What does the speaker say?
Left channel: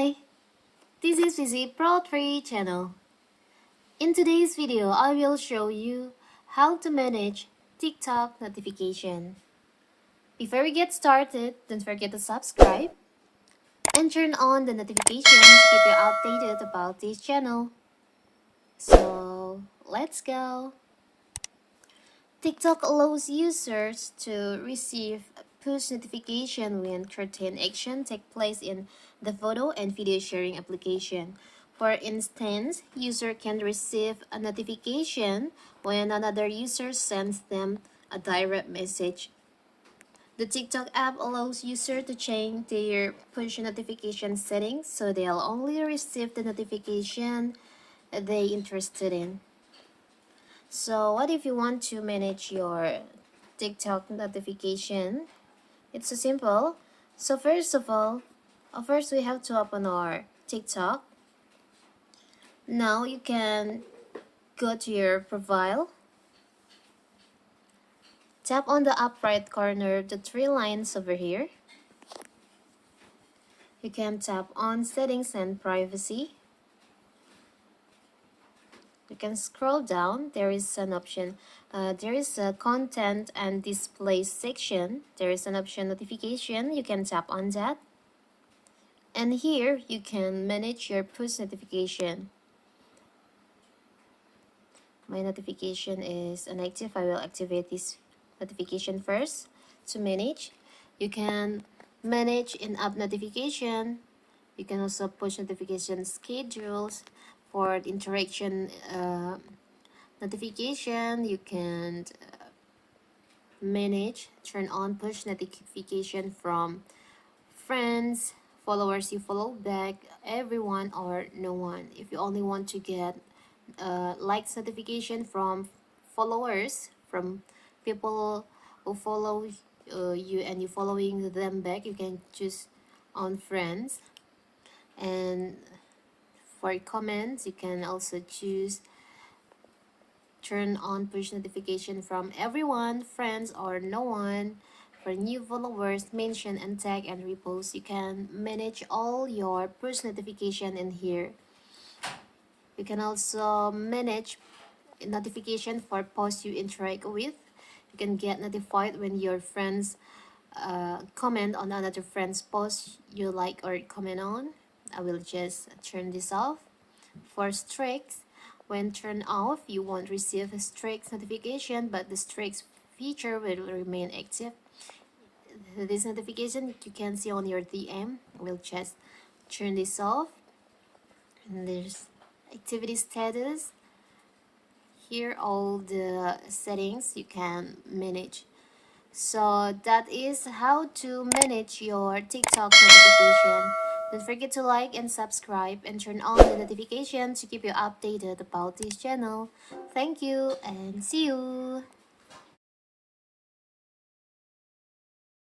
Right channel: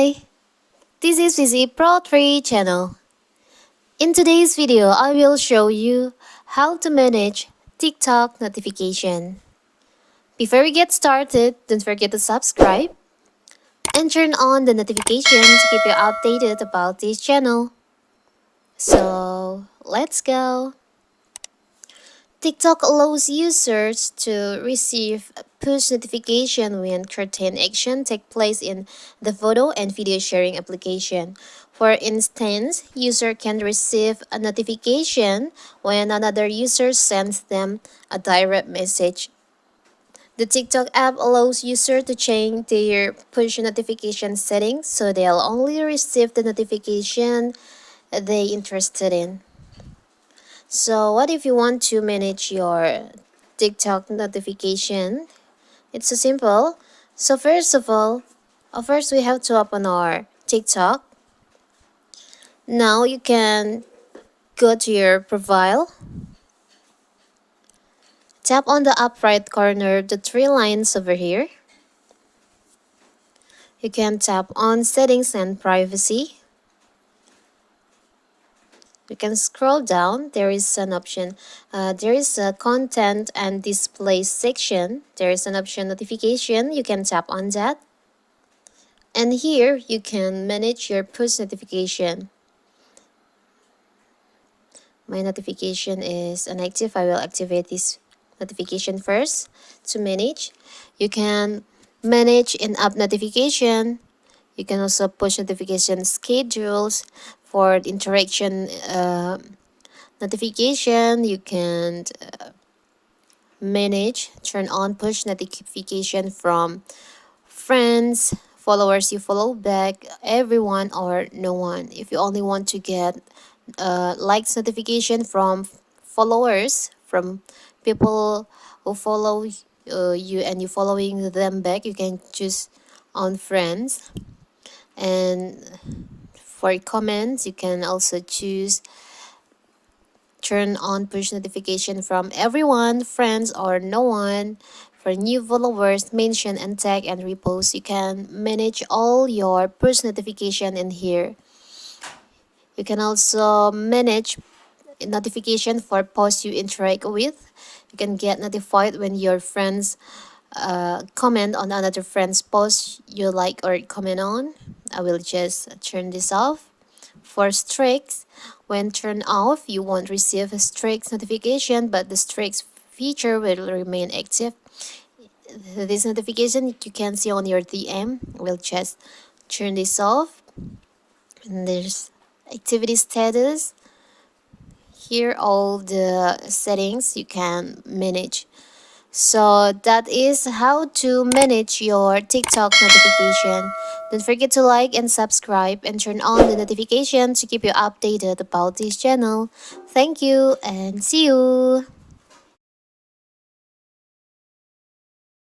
Hi, this is Vizi Pro 3 channel. In today's video, I will show you how to manage TikTok notification. Before we get started, don't forget to subscribe and turn on the notification to keep you updated about this channel. So, let's go. TikTok allows users to receive push notification when certain action take place in the photo and video sharing application. For instance, user can receive a notification when another user sends them a direct message. The TikTok app allows users to change their push notification settings so they'll only receive the notification they interested in. So what if you want to manage your TikTok notification? It's so simple. So first of all, first we have to open our TikTok. Now you can go to your profile. Tap on the up right corner, the three lines over here. You can tap on settings and privacy. You can scroll down. There is an option. There is a content and display section. There is an option notification. You can tap on that. And here you can manage your push notification. My notification is inactive. I will activate this notification first to manage. You can manage in-app notification. You can also push notification schedules for interaction notification. You can manage, turn on push notification from friends, followers you follow back, everyone or no one. If you only want to get likes notification from followers, from people who follow you and you following them back, you can choose on friends. And for comments, you can also choose turn on push notification from everyone, friends or no one. For new followers, mention and tag and repost. You can manage all your push notification in here. You can also manage notification for posts you interact with. You can get notified when your friends comment on another friend's post you like or comment on. I will just turn this off. For streaks, when turned off, you won't receive a streaks notification, but the streaks feature will remain active. This notification you can see on your DM. We'll just turn this off. And there's activity status. Here all the settings you can manage. So that is how to manage your TikTok notification. Don't forget to like and subscribe and turn on the notification to keep you updated about this channel. Thank you and see you.